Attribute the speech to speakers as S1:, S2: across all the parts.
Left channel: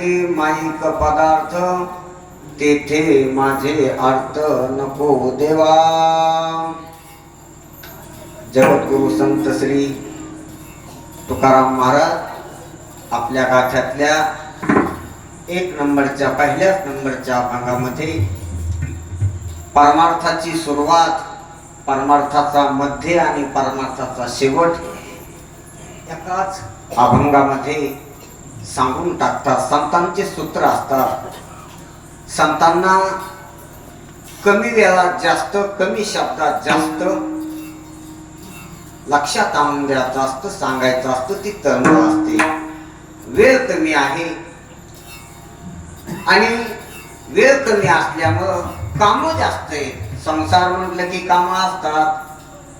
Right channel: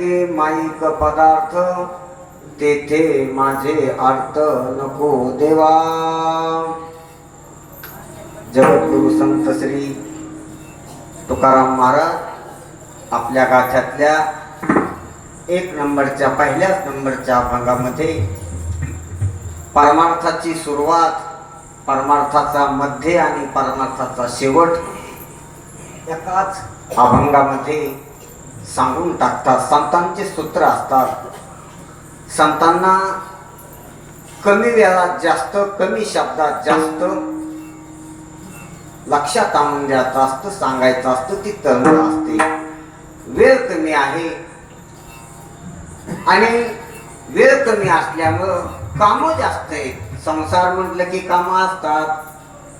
S1: जगे माईक पदार्थ तेथे माझे अर्थ नको देवा. जगद्गुरु संत श्री तुकाराम महाराज आपल्या गाथ्यातल्या एक नंबरच्या पहिल्याच नंबरच्या भागामध्ये परमार्थाची सुरुवात परमार्थाचा मध्य आणि परमार्थाचा शेवट एकाच अभंगामध्ये सांगून टाकतात. संतांचे सूत्र असतात. संतांना कमी वेळात जास्त कमी शब्दात जास्त लक्षात आणून द्यायचं असतं सांगायचं असतं ती तरुण असते. वेळ कमी आहे. आणि वेळ कमी असल्यामुळं कामं जास्त आहेत. संसार म्हटलं की कामं असतात.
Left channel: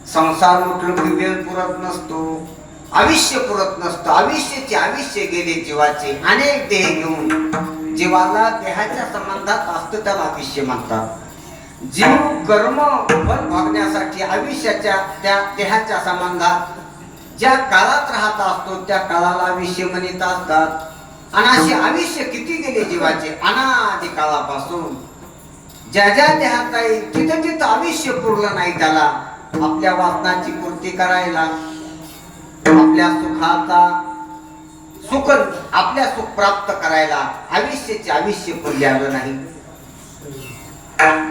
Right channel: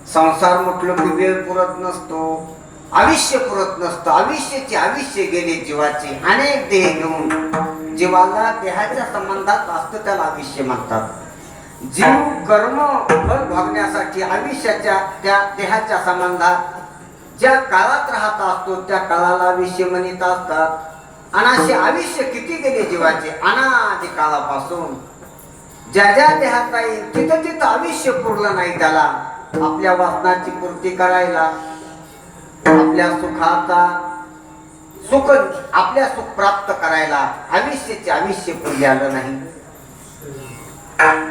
S1: संसार म्हटलं की वेळ पुरत नसतो. आयुष्य पुरत नसतं. आयुष्याचे आयुष्य गेले जीवाचे अनेक देह घेऊन. जीवाला देहाच्या संबंधात असतं त्याला आयुष्य म्हणतात. जीव कर्म फल भागण्यासाठी आयुष्याच्या त्या देहाच्या संबंधात ज्या काळात राहत असतो त्या काळाला आयुष्य म्हणत असतात. आणि असे आयुष्य किती गेले जीवाचे? अनादि काळापासून. ज्या ज्या देहात येईल तिथं तिथं आयुष्य पुरलं नाही त्याला. आपल्या वासनाची पूर्ती करायला. आपल्या सुखाचा सुख आपल्या सुख प्राप्त करायला आयुष्याचे आयुष्य कोणी आलं नाही.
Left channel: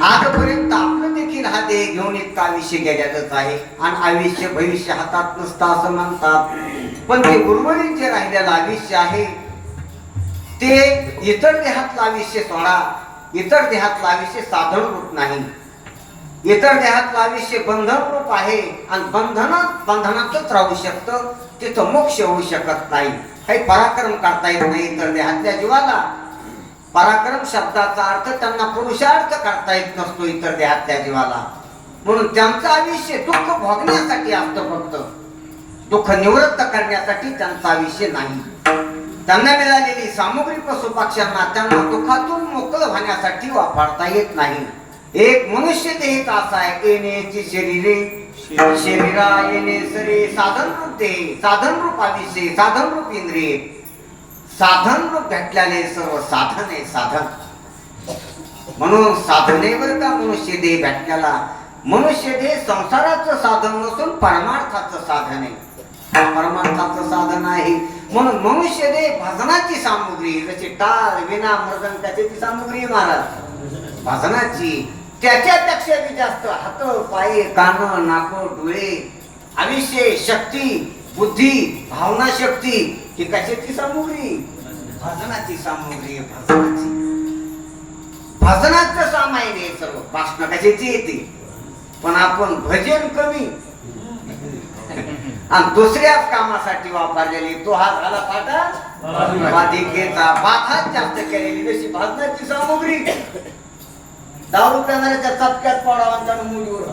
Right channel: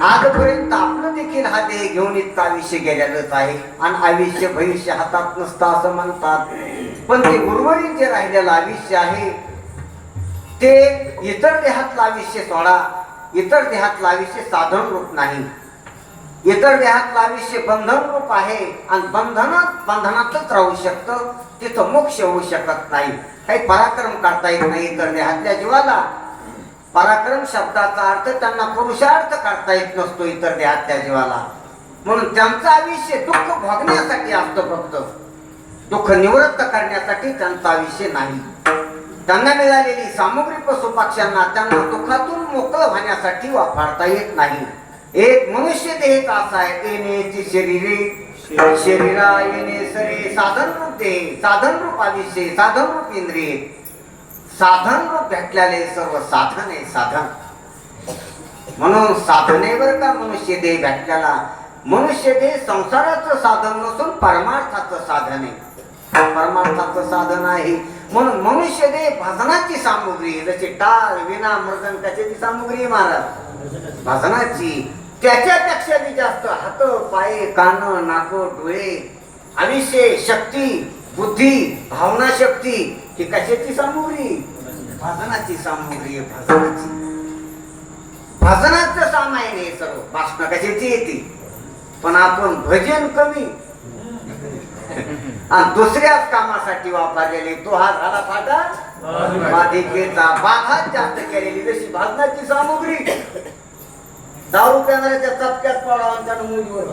S1: आजपर्यंत आपलं देखील हा देह घेऊन इतका आयुष्य गेलेलंच आहे. आणि आयुष्य भविष्य हातात नसतं असं म्हणतात. पण ते उर्वरित जे राहिलेलं आयुष्य आहे. ते इतर देहातलं आयुष्य सोडा. इतर देहातलं आयुष्य साधन रूप नाही. इतर देहातलं आयुष्य बंधन रूप आहे. आणि बंधनात बंधनातच राहू शकतं. तिथं मोक्ष होऊ शकत नाही. काही पराक्रम करता येत नाही इतर देहातल्या जीवाला. पराक्रम शब्दाचा अर्थ त्यांना पुरुषार्थ करता येत नसतो इतर देहातल्या जीवाला. म्हणून त्यांचं आयुष्य दुःख भोगण्यासाठी असतं फक्त. दुःख निवृत्त करण्यासाठी त्यांचं आयुष्य नाही. त्यांना मिळालेली सामग्री पशुपक्ष्यांना त्यांना दुःखातून मोकळं होण्यासाठी वापरता येत नाही. एक मनुष्य देह असा आहे? येण्याची शरीरे. शरीरा येणे सरे. साधन रूप देह साधन रूप आयुष्य साधन रूप इंद्रिय. साधन रूप भेटल्याने सर्व साधन आहे साधन. म्हणून साधनेवर का मनुष्य देह भेटल्याला मनुष्य देह संसाराचं साधन नसून परमार्थाचं साधन आहे. परमार्थाचं साधन आहे. म्हणून मनुष्य देह भजनाची सामुग्री जशी टाळ विना मृदन त्याची सामुग्री महाराज. भजनाची. त्याच्यापेक्षा बी जास्त हात पाय कान नाक डोळे आयुष्य शक्ती बुद्धी भावना शक्ती ही कशाची सामुग्री? भजनाची सामुग्री भजनाची. भजनाचं सामायन आहे सर्व. भाषण कशाची येते? पण आपण भजन कमी. आणि दुसऱ्याच कामासाठी वापरलेली तो हा झाला पाटा मालिकेचा बाखात जास्त केलेली जशी भाजनाची सामुग्री. दारू पिणाऱ्याच्या चटक्यात पडावा त्यानं मुलीवर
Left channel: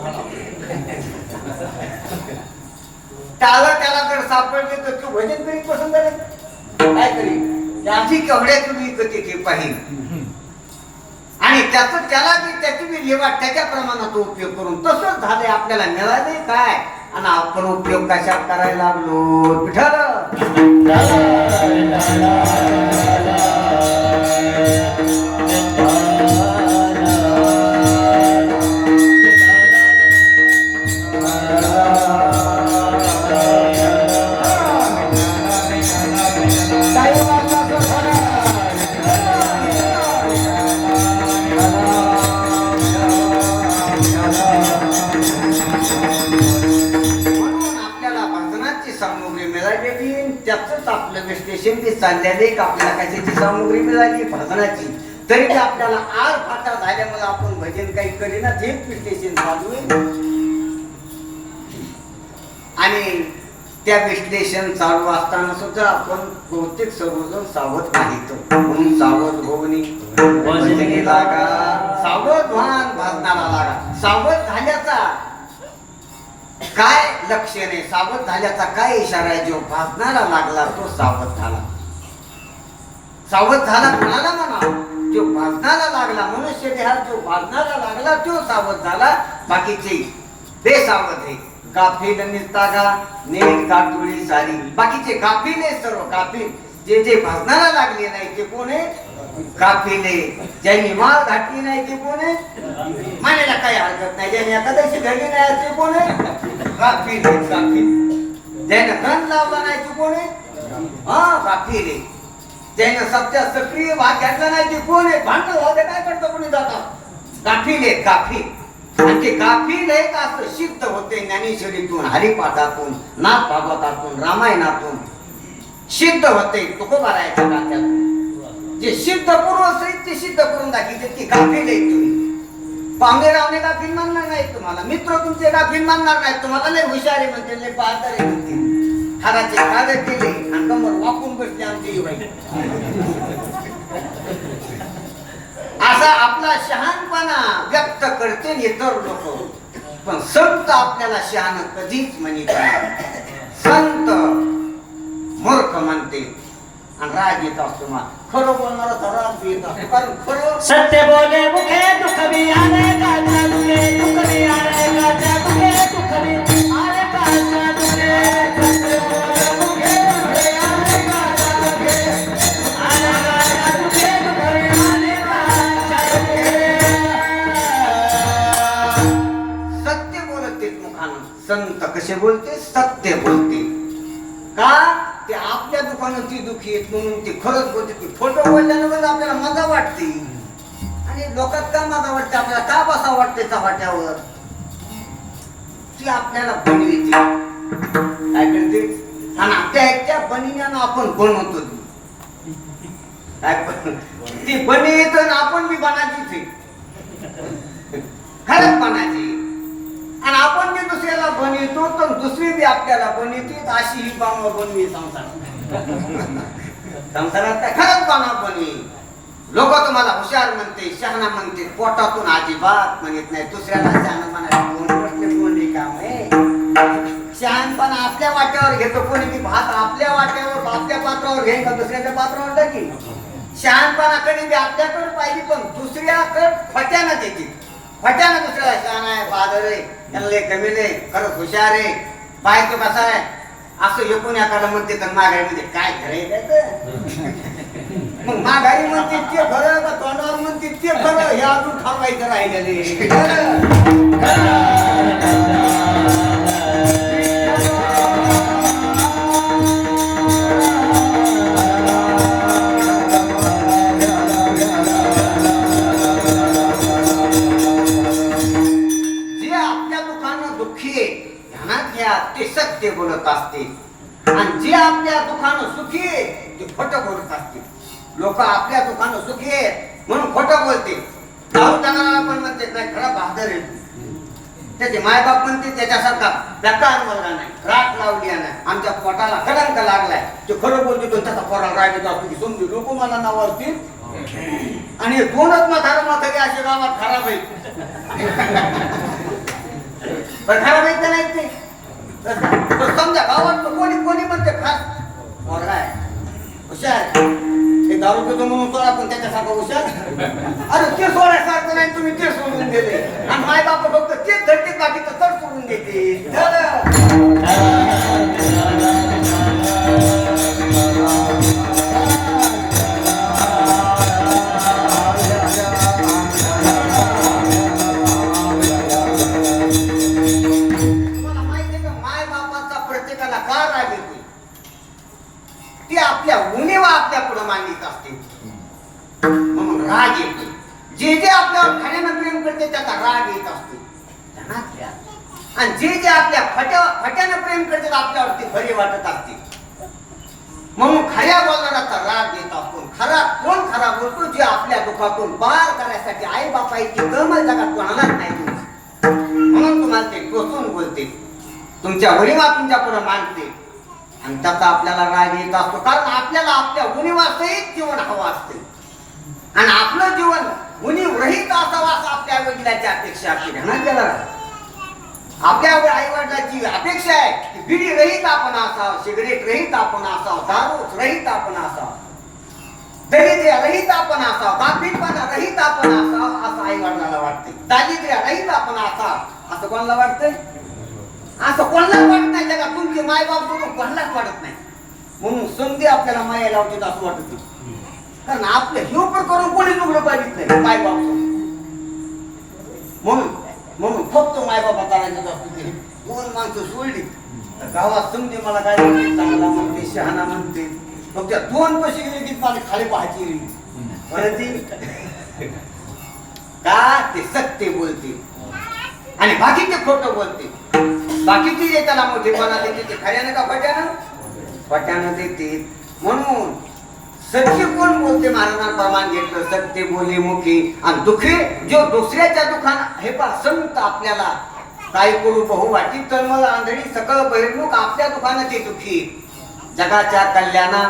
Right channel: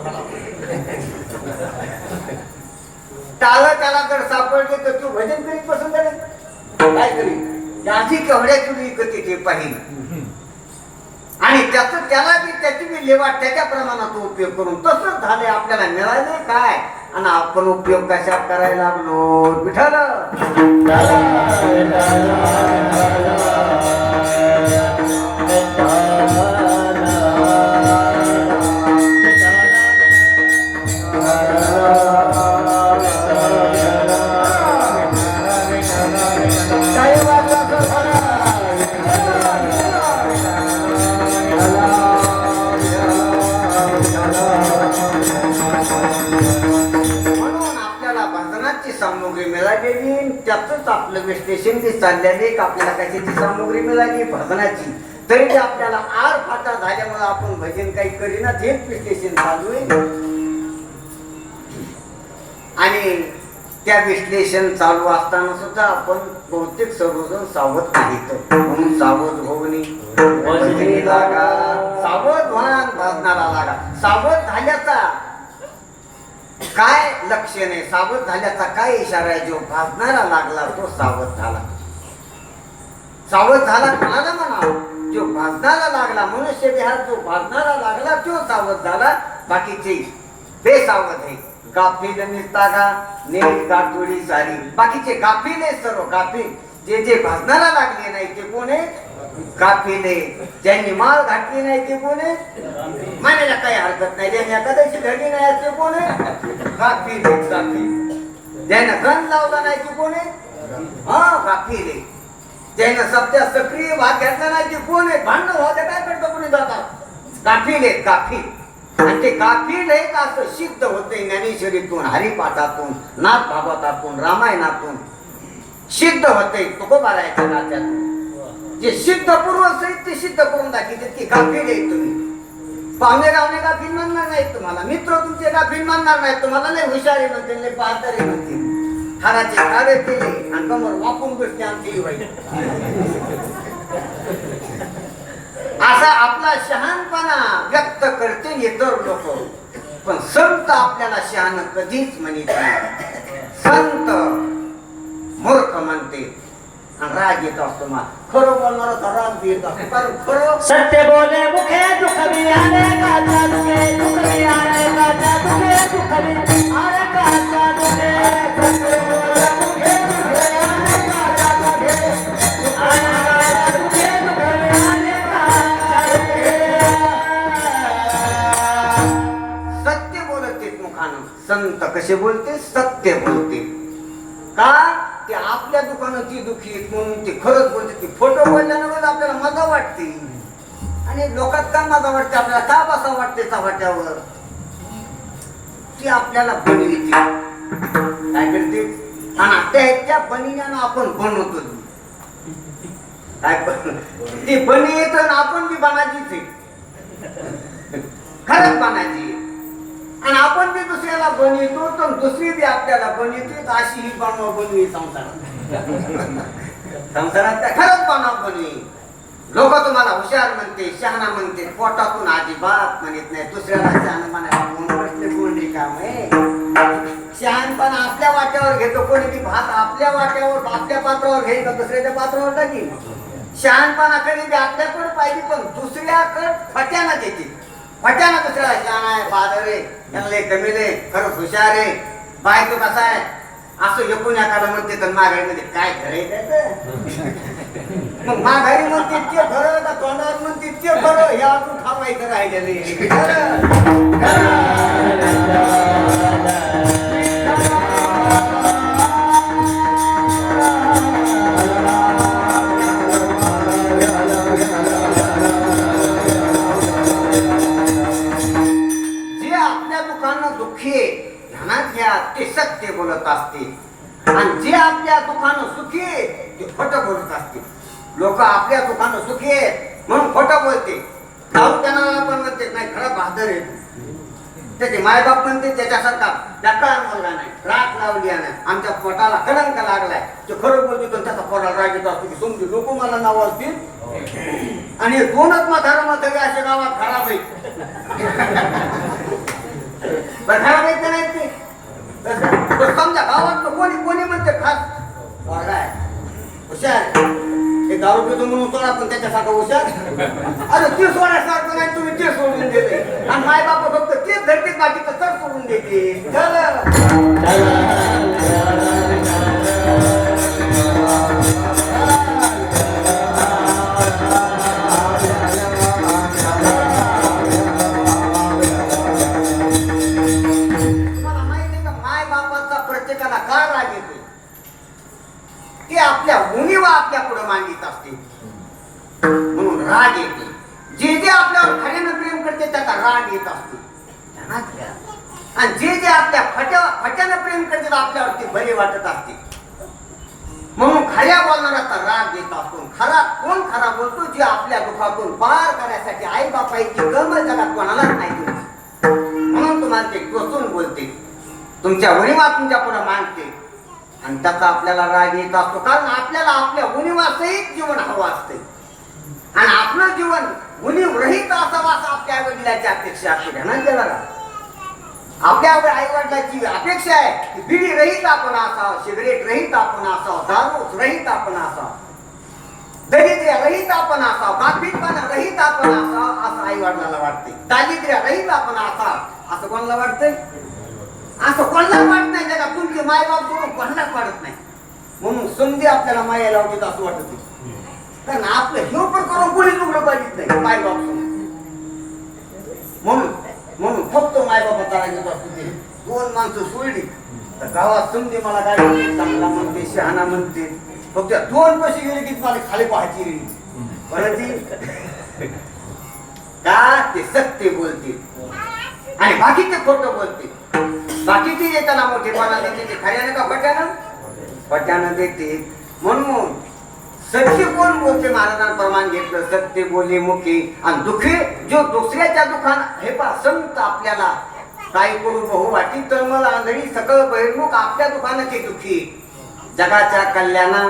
S1: टाळ त्याला जर सापडले तर तू भजन करीत बसून करेल काय करील त्याची केवढ्या तुम्ही विकते ते पाहिजे आणि त्याचं त्याला बी त्याची बी लेवाट त्याच्या प्रमाणात उपयोग करून तसंच झाले आपल्याला मिळाले काय? आणि आपण उपयोग कशा करायला लागलो विठ्ठल Thank you. आपलं विश्लेषण बी चाललेले का आपल्याला कशाची सामुग्री मिळाली भजनाची. तरी ते आपल्याला आर फाटा झाल्यामुळे आपण भजन काही करीना हेच विश्लेषण चालू आहे. आणि त्या विश्लेषण चालू असताना सुद्धा आपण बहुतेक सर्वजण सावध नाहीत म्हणून सावध लागा सावध भान भजनाला लागा. सावध झाल्याचा काय लक्ष आहे सावध झाल्याचा काय इशारा आहे? जो भाजणारा लागला तो सावध झाला. सावध झाला कोणाला म्हणा? जो भाजणारा लागला मनुष्य देहात जो भाजणारा लागला तो सावध झाला. बाकीचे बेसावध. आहे गाफील निस्तागा नेट गाठोळी सारी. बाकीचे गाफीले सर्व गाफील. जे जे भाजनाला लागले नाही ते कोण आहे? गाफीले ज्यांनी माल घातली नाही ते कोण आहे? मानायला काही हरकत नाही. ज्यांनी एकादशी घडली नाही ते कोण आहे? काफिले ज्यानं गण लावला नाही ते कोण आहे? हा काफिले ज्यानं सध्या सक्रिय भाग घेतला नाही ते कोण आहे? भांडण होते काय करतो कोणी जातात काफिले काफी. आणि ते गाफील आहे का असं सिद्ध होते ज्ञानेश्वरीतून हरिपाठातून नाथ भागवतातून रामायणातून सिद्ध होते. तुकोबारायच्या नात्यातून जे सिद्ध पूर्व सहित ते सिद्ध करून दाखवते. की गाफील आहे तुम्ही. पाहुणे रावणे गाफील मानणार नाहीत तुम्हाला? मित्र तुमचे गाफील मानणार नाहीत? तुम्हाला नाही हुशारी म्हणतील नाही पाहतारे म्हणतील हाराचे कावे केले आणि वाकून बसले आमची वाईट असा आपला शहाणपणा व्यक्त करते इतर लोक. पण संत आपल्याला शहाण कधीच म्हणित संत मूर्ख म्हणते. आणि राग येत असतो मला. खरं बोलणारा तर राग येत असतो. कारण खरं
S2: सत्य बोले मुखे दुख भी आने गाजा दुखे दुख भी आने गाजा दुखे दुख भी आने गाजा दुखे सत्य बोले मुखे दुखे आने गाजा दुखे आने गाजा दुखे दुख भी आने गाजा दुखे.
S1: सत्य बोलते मुखानं. संत कसे बोलते? सत्य बोलते. दुखी आहेत म्हणून ते खरंच बोलते ते फोटो बोलल्यानंतर आपल्याला मजा वाटते. आणि लोकात का मजा वाटते? आपल्याला का बसा वाटते चव्हाट्यावर? ती आपल्याला बनविते. काय करते? आणि त्या ह्याच्या बनिण्यानं आपण बनवतो. काय बन- ती बनी येत आपण बी बनायचीच आहे. खरंच बनायची. आणि आपण बी दुसऱ्याला बनवितो तर दुसरी बी आपल्याला बनविते अशी ही बनवा बनवी संसार संसारात काय खरंच बनवा कोणी? लोक तुम्हाला हुशार म्हणते शहाणा म्हणते पोटातून अजिबात म्हणत नाही. दुसऱ्याला शहाणा म्हणायला कोण आहे. शहाणपणा आपल्या वाट्यावर घेतो. कोणी बी भात आपल्या वाट्यावर आपल्या पात्रावर घेईल का दुसऱ्याच्या पात्रावर टाकील शहाणपणा कधी बी आपल्याकडे पाहिजे पण दुसऱ्याकडे फट्यानं देतील फट्यानं दुसऱ्याला शहाण आहे बादर आहे चांगले लय कमी लय खरंच हुशार आहे. बायको कसा आहे? असं एकूण एखादं म्हणते तर माघारीमध्ये काय खरं आहे त्याचं मग माघारी म्हणते ते खरं का तोंडावर म्हणते ते खरं? हे अजून थांबायचं राहिलेलं खोटं असते लोक आपल्या दुकानं सुखी आहेत म्हणून खोटं बोलते जाऊ त्यांना पण म्हणते नाही खरं बहादर आहे. त्याचे मायबाप म्हणते त्याच्यासारखा धक्का मुलगा नाही राख लावली नाही आमच्या पोटाला कलंक लागलाय. तो खरं बोलतो तो त्याचा पोटाला राग येत असतो की समजू लोक मला नाव असतील. आणि दोनच मथार म्हातारे असे गावात खराब आहेत. बरं खराब आहेत का नाही ते? समजा गावात कोणी कोणी म्हणते खास पोरगा आहे. हुशार. ते दारू पितो म्हणून सोडा पण त्याच्यासारखा हुशार. अरे ते सोडायसारखं नाही तुम्ही ते सोडून दिले. आणि माय बाप फक्त तेच धरते बाकी तर तर सोडून देते खऱ्यानं त्याचा राग येत असतो. ध्यानात घ्या. आणि जे जे आपल्या फट्या फट्यानं प्रेम करतात आपल्यावरती बरे वाटत असते म्हणून खऱ्या बोलणाऱ्याचा राग येत असतो. खरा कोण खरा बोलतो? जे आपल्या दुःखातून बाहेर करायसाठी आई बापाची कमल जगात कोणालाच नाही म्हणून तुम्हाला ते टोचून बोलते. तुमच्या उणीवा तुमच्यापुढे मागते आणि त्याचा आपल्याला राग येत असतो. कारण आपल्याला आपल्या उणीवासहित जीवन हवं असते. आणि आपलं जीवन मुनी रहित असावा असं आपल्या वडिलांची अपेक्षा असते ध्यानात गेला आपल्या आई वडिलांची अपेक्षा आहे की बिडी रहित आपण असावं सिगरेट रहित आपण असावं दारू रहित आपण असावं. दरिद्र्य रहित आपण असावं गाफीलपणा रहित आपण असावं असं आई वडिलाला वाटते दारिद्र्य रहित आपण असावं असं कोणाला वाटतंय? असं कोणाला वाटत नाही त्याला तुमचे मायबाप सोडून कोणालाच वाटत नाही. म्हणून संधी आपल्याला माया लावते असं वाटत कारण आपलं हे पण करून कोणी लुगडं पाहिजेत नाही मायबाप सोडून म्हणून म्हणून फक्त मायबापा तारायचं असतो ते दोन माणसं सोडली. तर गावात समजे मला काय म्हणते चांगला म्हणते शहाणा म्हणते. फक्त दोन पैसे गेले की माझे खाली पाहायची परत का? ते सत्य बोलतील आणि बाकी ते खोटं बोलतील बाकीचे येताना त्याला मोठेपणा देते ते खऱ्यानं का फट्यानं फट्यानं देते. म्हणून सत्य बोल बोलते महाराजांप्रमाणे घेतलं सत्य बोले मुखी. आणि दुखे जो दुसऱ्याच्या दुखान हे पा संत आपल्याला काय करू बहु वाटी तन्मल आंधळी सकळ बहिर्मुख आपल्या दुखानाचे दुखी. जगाच्या कल्याणा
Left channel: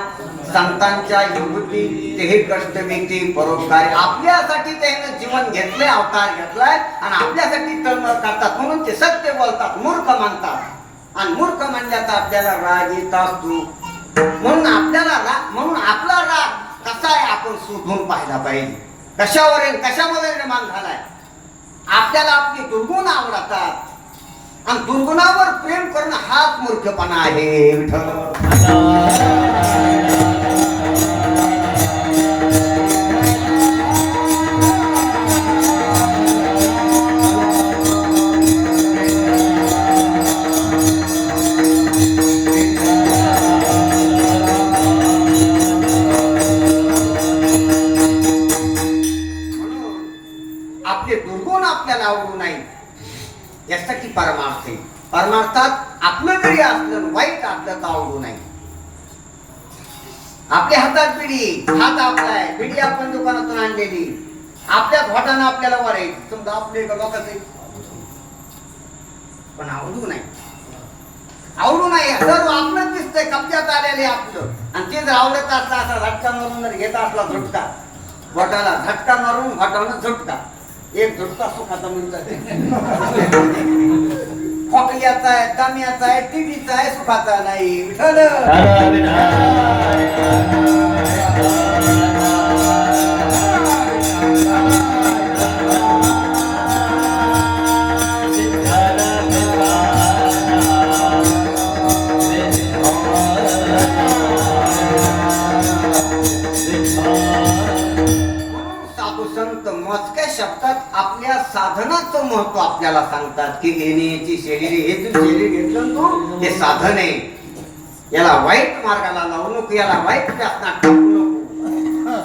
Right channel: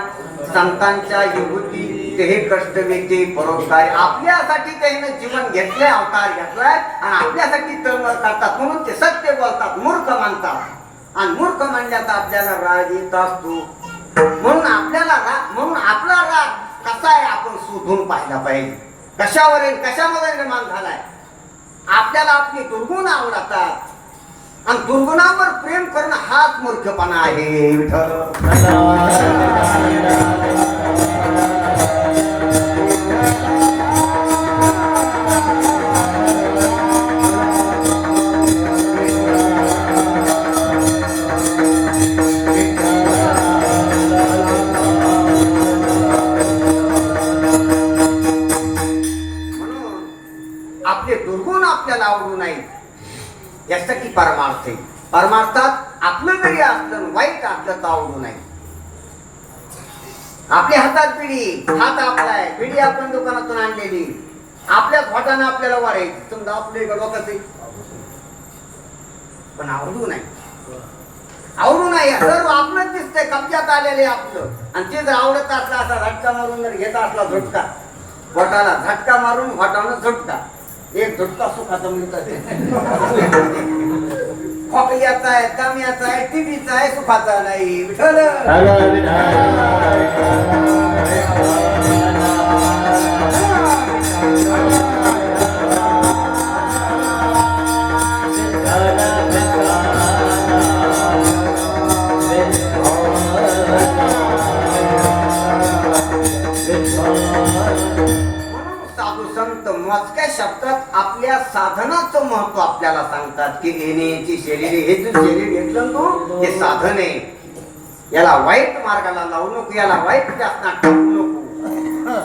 S1: संतांच्या विभूती ते हे कष्ट घेते परोपकार. आपल्यासाठी त्यानं जीवन घेतले अवतार घेतलाय आणि आपल्यासाठी तळमळ करतात. म्हणून ते सत्य बोलतात मूर्ख मानतात. आणि मूर्ख मानल्याचा आपल्याला राग येत असतो. म्हणून आपल्याला राग म्हणून आपला राग कसा आहे आपण शोधून पाहायला पाहिजे? कशावर आहे कशामध्ये निर्माण झालाय? आपल्याला आपली दुर्गुण आवडतात. आणि दुर्गुणावर प्रेम करणं हाच मूर्खपणा आहे विठ्ठल. यासाठी परमार्थ आहे. परमार्थात आपलं जरी असलं वाईट आपलं तर आवडू नाही आपल्या हातात पिढी हात आपला आहे. पिढी आपण दुकानातून आणलेली. आपल्या घोटानं आपल्याला वाढायची समजा आपले डोक्यात आहे. पण आवडू नाही आवडू नाही सर्व आपलंच दिसतंय. कब्जात आलेले आपलं. आणि ते जर आवडत असला असा झटका मारून जर घेत असला झटका घोटाला झटका मारून घोटाला झटका. एक झटका सुखाचा म्हणतात खोकल्याचा आहे दम्याचा आहे टीव्हीचा आहे सुखाचा नाही. विठ्ठल! साधनाचं महत्त्व आपल्याला सांगतात की येण्याची शरीर हे जे शरीर घेतलं ना तू हे साधन आहे. याला वाईट मार्गाला लावू नको याला वाईट व्यसनात टाकू नको.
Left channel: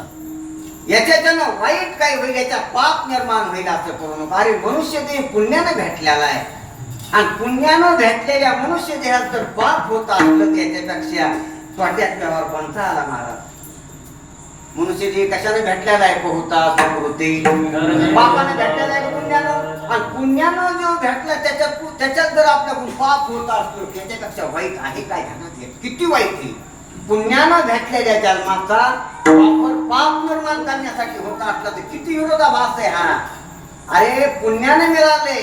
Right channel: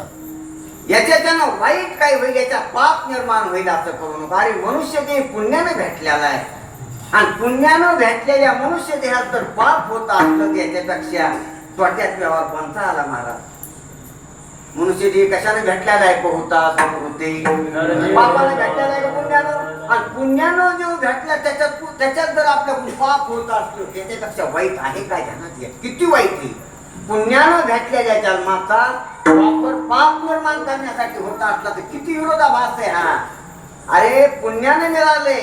S1: याच्याच्यानं वाईट काय होईल याच्या पाप निर्माण होईल असं करू नको. अरे मनुष्य ते पुण्यानं भेटलेला आहे. आणि पुण्यानं भेटलेल्या मनुष्य देहात जर पाप होत असलं त्याच्यापेक्षा तोट्यात व्यवहार कोणता आला महाराज मनुष्य जे कशाने भेटलेला आहे होता समृद्धी पापाने भेटलेला आहे का पुण्यानं आणि पुण्यानं जो भेटला त्याच्यात त्याच्यात जर आपल्याकडून पाप होत असलो त्याच्यापेक्षा वाईट आहे काय ध्यानात घ्या किती वाईट आहे? पुण्यानं भेटलेल्या जन्माचा वापर पाप निर्माण करण्यासाठी होता असला तर किती विरोधाभास आहे हा? अरे पुण्याने मिळाले.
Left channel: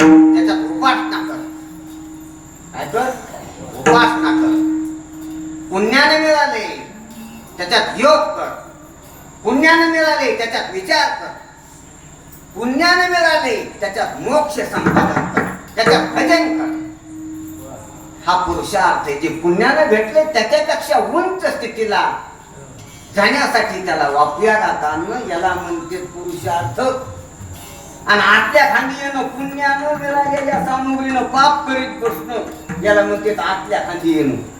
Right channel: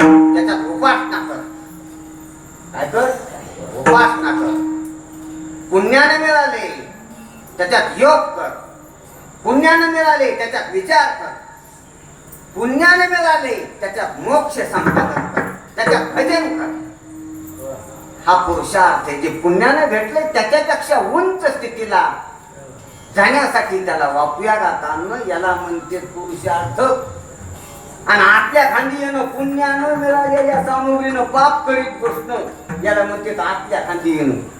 S1: त्याच्यात उपासना कर. काय कर उपासना कर. पुण्याने मिळाले. त्याच्यात योग कर. पुण्याने मिळाले त्याच्यात विचार कर. पुण्याने मिळाले त्याच्यात मोक्ष संपादन कर. त्याच्यात भजन कर. हा पुरुषार्थ आहे. जे पुण्याने भेटले त्याच्यापेक्षा उंच स्थितीला जाण्यासाठी त्याला वापरूया जाताना याला म्हणते पुरुषार्थ. आणि आतल्या खांदी येणं पुण्यानं मिळालेल्या सामुग्रीनं पाप करीत बसणं याला म्हणते आतल्या खांदी येणं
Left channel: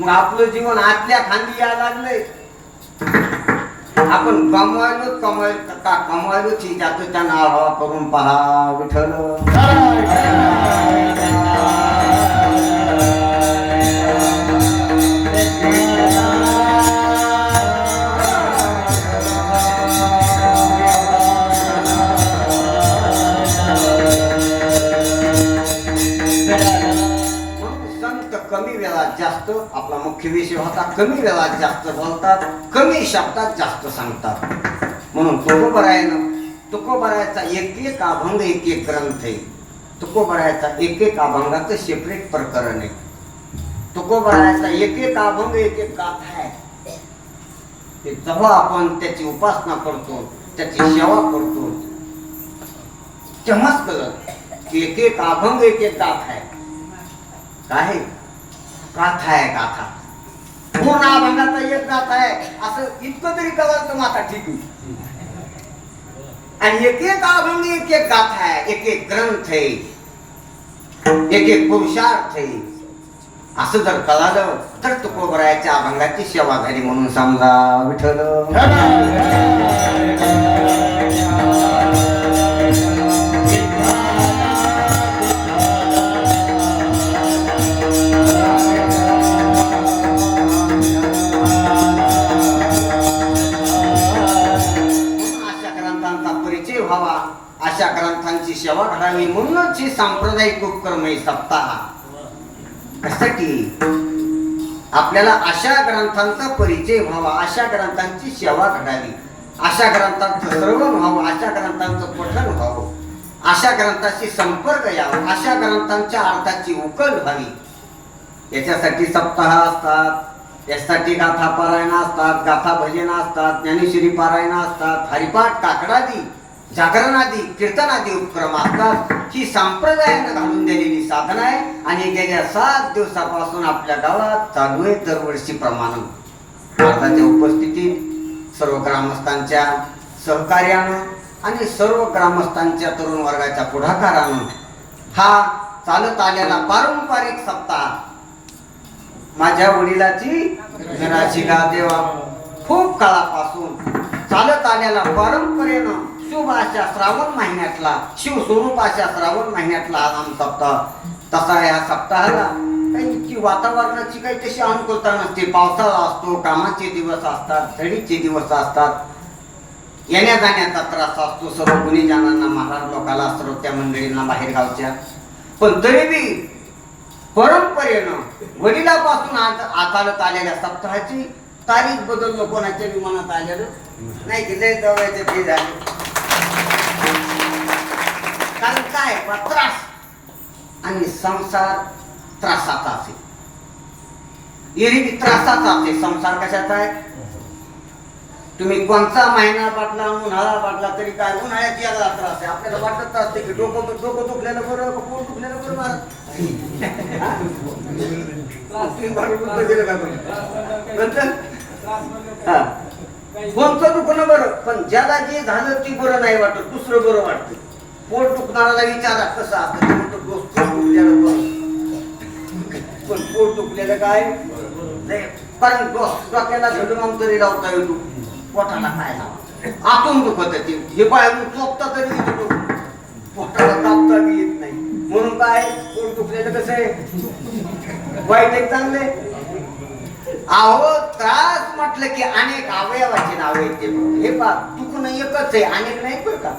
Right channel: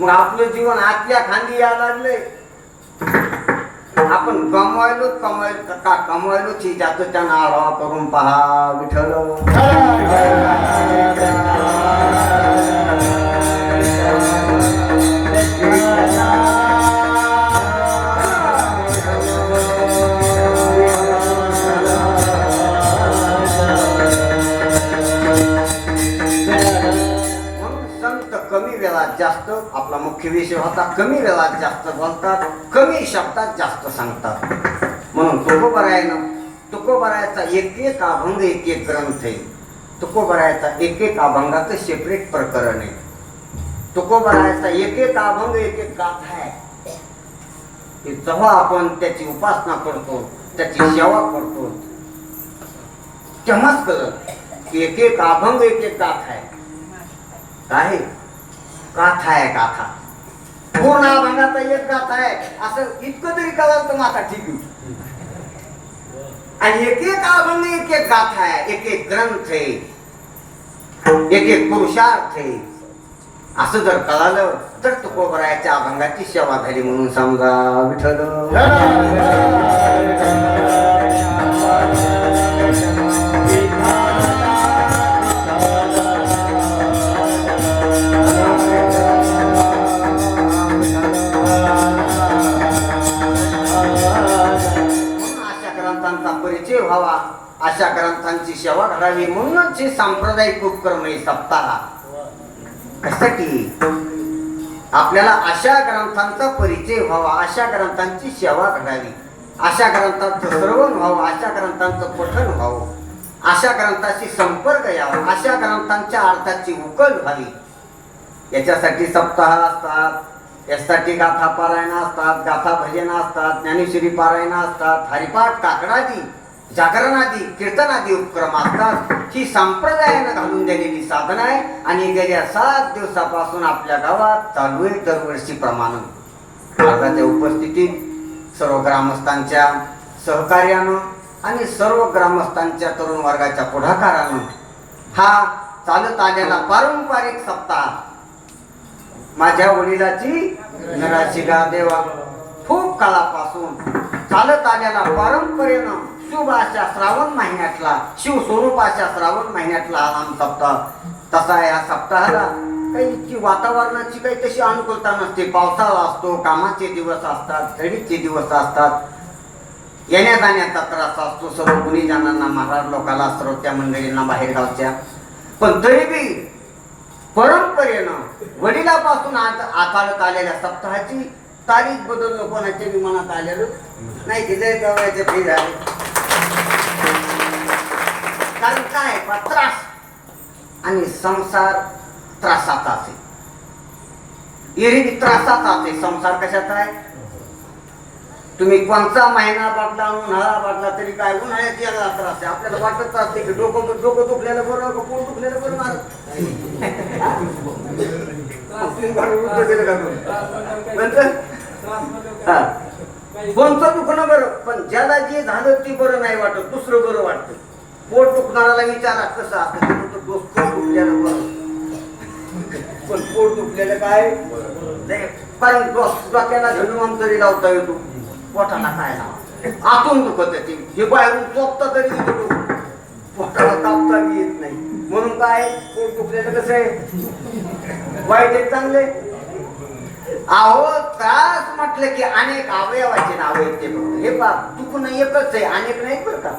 S1: मग आपलं जीवन आतल्या खांदी या लागलंय आपण कमवायलो कमवायलो का कमवायलो ची ज्याचं त्यांना आढावा करून पहा विठ्ठल जास्त आपला मुख्य विषय होता कमी वेळात जास्त बोलतात कमी शब्दात जास्त सांगतात. म्हणून तुकोबरायनं तुकोबरायचा एक एक अभंग एक एक ग्रंथ आहे. तुकोबरायचा एक एक अभंगाचं सेपरेट प्रकरण आहे. तुकोबरायचा एक एक अभंग एक एक गाथा आहे. जेव्हा आपण त्याची उपासना करतो त्याची सेवा करतो तेव्हाच कळत एक एक अभंग एक एक गाथा आहे. काय गाथा आहे गाथा. पूर्ण अभंगाचा एक गाथा आहे. असं इतकं तरी कळलं तर माता ठीक आणि एक एक अभंग एक एक गाथा आहे. एक एक ग्रंथ आहे. एक एक पुरुषार्थ आहे. असं जर कळालं तर तुकोबरायाच्या अभंगाची सेवा झाली म्हणून समजा विठ्ठल. करावी म्हणूनच हे सांप्रदायिक उपक्रम आहे सप्ताह कशासाठी आपल्याला अशा ग्रंथांचा परिचय व्हावा अशा ग्रंथांची सेवा घडावी अशा ग्रंथांचं श्रवण व्हावं अशा ग्रंथांचं पठण व्हावं अशा ग्रंथाशी संपर्क यावा अशा ग्रंथांच्या अर्थाची उकल व्हावी. याच्यासाठी सप्ताह असतात यासाठी गाथा पारायण असतात गाथा भजन असतात ज्ञानेश्वरी पारायण असतात हरिपाठ काकडादी जागरणादी कीर्तनादी उपक्रम असतात. ही संप्रदायानं घालून दिलेली साधन आहे आणि गेल्या सात दिवसापासून आपल्या गावात चालू आहे दरवर्षी प्रमाण. भारताच्या उपस्थितीत सर्व ग्रामस्थांच्या सहकार्यानं आणि सर्व ग्रामस्थांच्या तरुण वर्गाच्या पुढाकारानं हा चालत आलेला पारंपरिक सप्ताह माझ्या वडिलाची नराची गा देवा खूप काळापासून चालत आलेला पारंपरेनं शुभ अशा श्रावण महिन्यातला शिवस्वरूप अशा श्रावण महिन्यातला हा नाम सप्ताह तसा या सप्ताहाला. काही इतकी वातावरणाची काही तशी अनुकूलता नसते. पावसाळा असतो कामाचे दिवस असतात थंडीचे दिवस असतात. येण्या जाण्याचा त्रास असतो सर्व गुन्हेजनांना महाराज लोकांना श्रोत्या मंडळींना बाहेर गावच्या पण तरी बी परंपरेनं वडिलापासून आज आचालत आलेल्या सप्ताहाची तारीख बदललो कोणाच्या विमानात आलेलं नाही की लय जवळचे फी झाले. आणि संसार त्रासाचा असेल एरवी त्रासाचा असेल संसार कशाचा आहे? तुम्ही कोणता महिना बाटला उन्हाळा बाटला तरी काय? उन्हाळ्यात यायला त्रास आहे. आपल्याला वाटत असते की डोकं डोकं दुखलेलं बरं का पोट दुखलेलं बरं मारत? त्रास बरं उलटं दिलं का तुम्ही? नंतर? हा. कोणतं दुखणं बरं? पण ज्याला जे झालं ते बरं नाही वाटत. दुसरं बरं वाटतं. पोट दुखणाऱ्याला विचारा कसं असतं. दुखलेलं बरं. पण पोट दुखलेलं काय? कारण डोक्याला झेडून तरी लावता येतो पोटाला काय लावा आतून दुखत आहे ते. हे बाहेरून चोपता तरी. पोटाला बी येत नाही. म्हणून काय? पोट दुखलेलं कसं आहे? वाईट एक चांगले अहो त्रास म्हटलं की अनेक अवयवाची नाव आहेत ते. हे पा दुखणं एकच आहे अनेक नाही बरं का?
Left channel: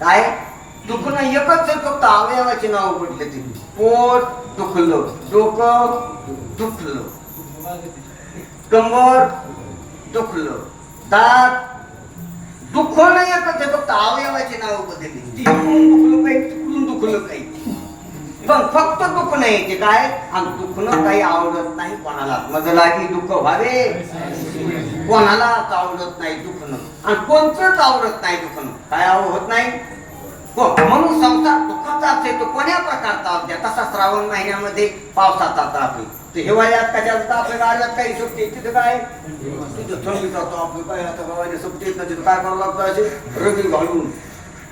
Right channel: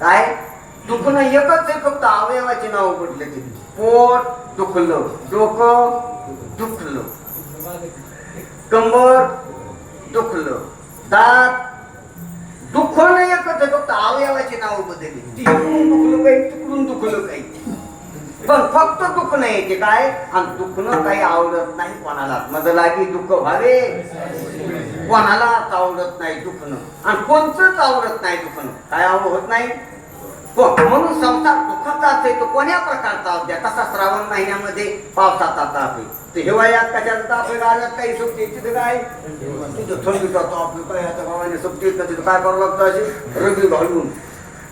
S1: काय? दुखणं एकच आहे फक्त अवयवाची नाव पडले ते पोट दुखलं डोकं दुखलं. कंबर दुखलं. दात दुखणं एकच आहे फक्त अवयवाची नाव बदलली तिकडून दुखलं काही तिकडून दुखलं काही पण फक्त दुखणं नाही ते काय? आणि दुखणं काही आवडत नाही कोणाला. माझं लागी दुःख व्हावे. कोणालाच आवडत नाही दुखणं. आणि कोणतंच आवडत नाही दुखणं. काय आवडत नाही? हो, म्हणून संसार दुःखाचा असेल तो कोण्या प्रकारचा असू द्या तसा श्रावण महिन्यामध्ये पावसाचा ताप आहे हिवाळ्यात कशाचा? ताप आहे काही सुट्टी तिथं काय? तिथं थंडीचा ताप आहे काय आता बाबाने सुट्टी येत तिथं काय करावं लागतं असे रगी घालून.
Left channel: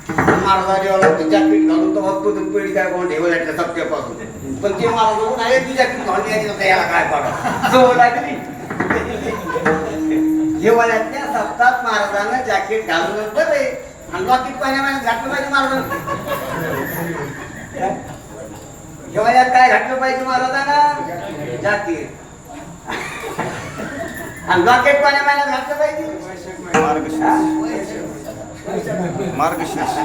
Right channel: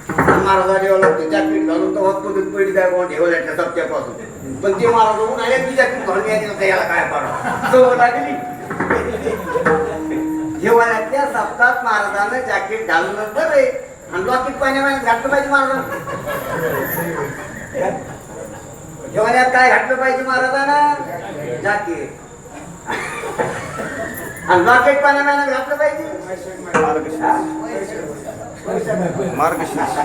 S1: महाराजा जेव्हा लागतो जॅकेट घालून तर बघतो पिढी काय कोण सप्त्यापासून. पण ते महाराज बघून आहे जॅकेट घालून यायची याला काय हिवाळ्यातल्या सप्ताहात महाराजांना जॅकेट घालून नंतर आणि लॉकेट पाण्या पाण्यात घातलं पाहिजे महाराजांना हिवाळ्यात काय घातलं पाहिजे महाराजांना जॅकेट आणि लॉकेट पाण्या पाण्यात घातलं पाहिजे? हा?
S3: मार्गशीर्ष.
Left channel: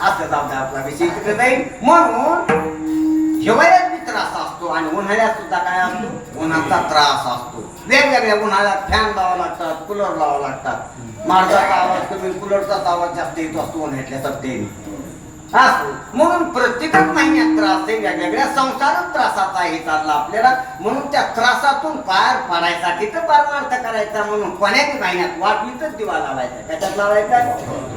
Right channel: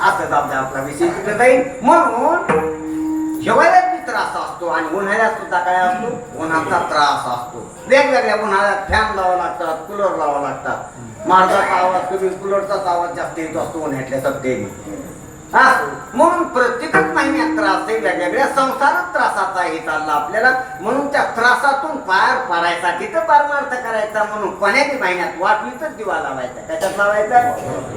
S1: असं आपला आपला विषय तिकडे जाईल. म्हणून हिवाळ्यात त्रास असतो आणि उन्हाळ्यात सुद्धा काय असतो? उन्हाचा त्रास असतो. वेगवेगळ्या उन्हाळ्यात फॅन लावा लागतात कूलर लावा लागतात. माणसाचा आवाज कमी कूलरचाच आवाज जास्त येतो असतो उन्हाळ्यातल्या सत्तेने हा? म्हणून प्रत्येकच महिन्यात त्रास आहे वेगवेगळ्या संसारात त्रासाचा हे चालला आपल्याला. म्हणून त्या त्रासातून पार पडायसाठी तर परमार्थ करायचा म्हणून कोण्याही महिन्यात वाटवीतच दिवा लावायचा. त्याच्यात लावायचा?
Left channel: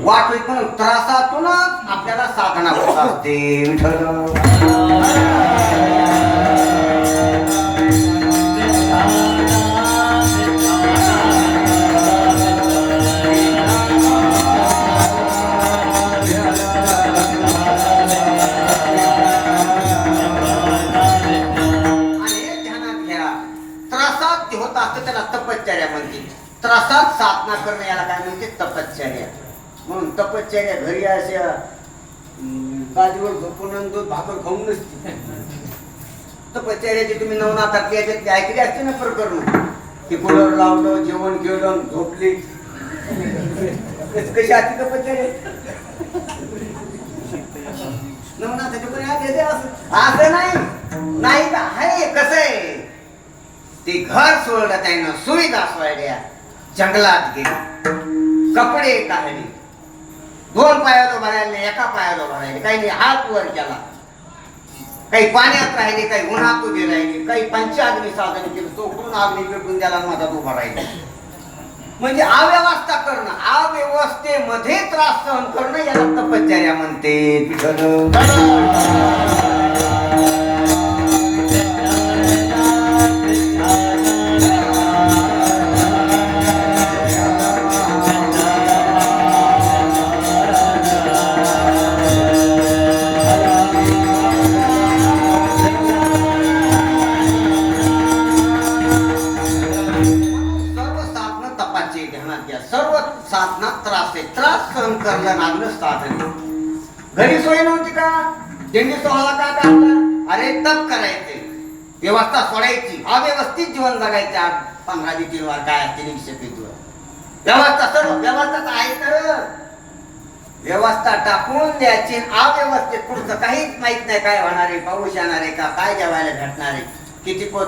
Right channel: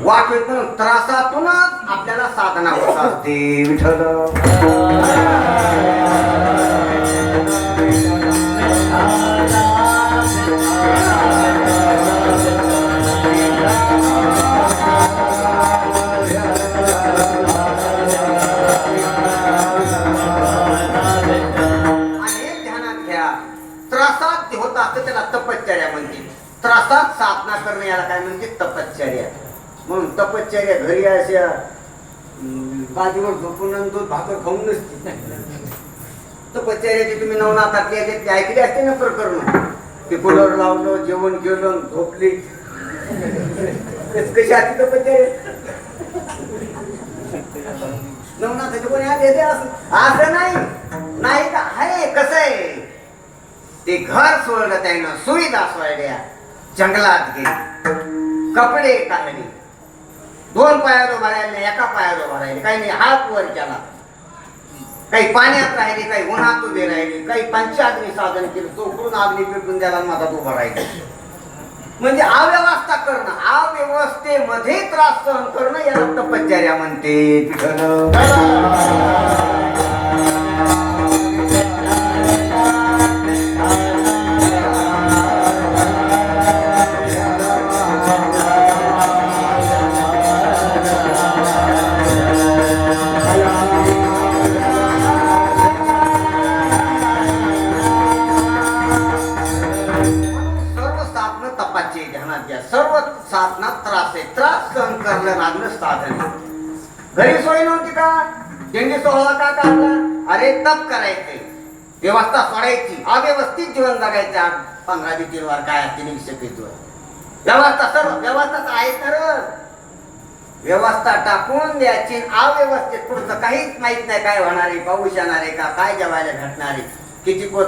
S1: वाटवीत म्हणून त्रासातूनच आपल्याला साधना होत असते. त्रासात साधना करणे याला काय म्हणते? तपश्चर्या. म्हणून तपश्चर्या घरी अशा बाजूवर झोपून दूध भाकर खाऊन नसते. तपश्चर्याचे तुम्ही नवनाथातली याच्यात ऐकली असते ना प्रकरण? ते कुलर लावलं जेवण केलं झोपली. कशी कशी असते तपश्चर्या? नवनाथाचे कोणी आले ते असं असं नाही. नाही का? आहे कसं आहे? ते घर सोडलं त्यानं सुविधा सोडल्या. जंगलात गेली. कपडे काढले. दोन पायावर भरायला नाही एका पायावर भरायले काही नाही हात वर केला. काही पाण्यात राहिले काही उन्हात उभे राहिले काही पंचाग्नी साधन केलं. चोकडून अग्नी पेटून त्याला मधात उभा राहिले. म्हणजे अव्यवस्था करणं अव्यवस्थेमध्ये त्रास सहन करणं याला तपश्चर्या म्हणते केली सफेदवर व्यवस्था सर्व व्यवस्था आहे तर व्यवस्था टाकून द्यायची अव्यवस्थेत पुढचं काहीच माहीत नाही काय होणार आहे पाऊस येणार आहे का काय जेवायला भेटणार आहे किती पोत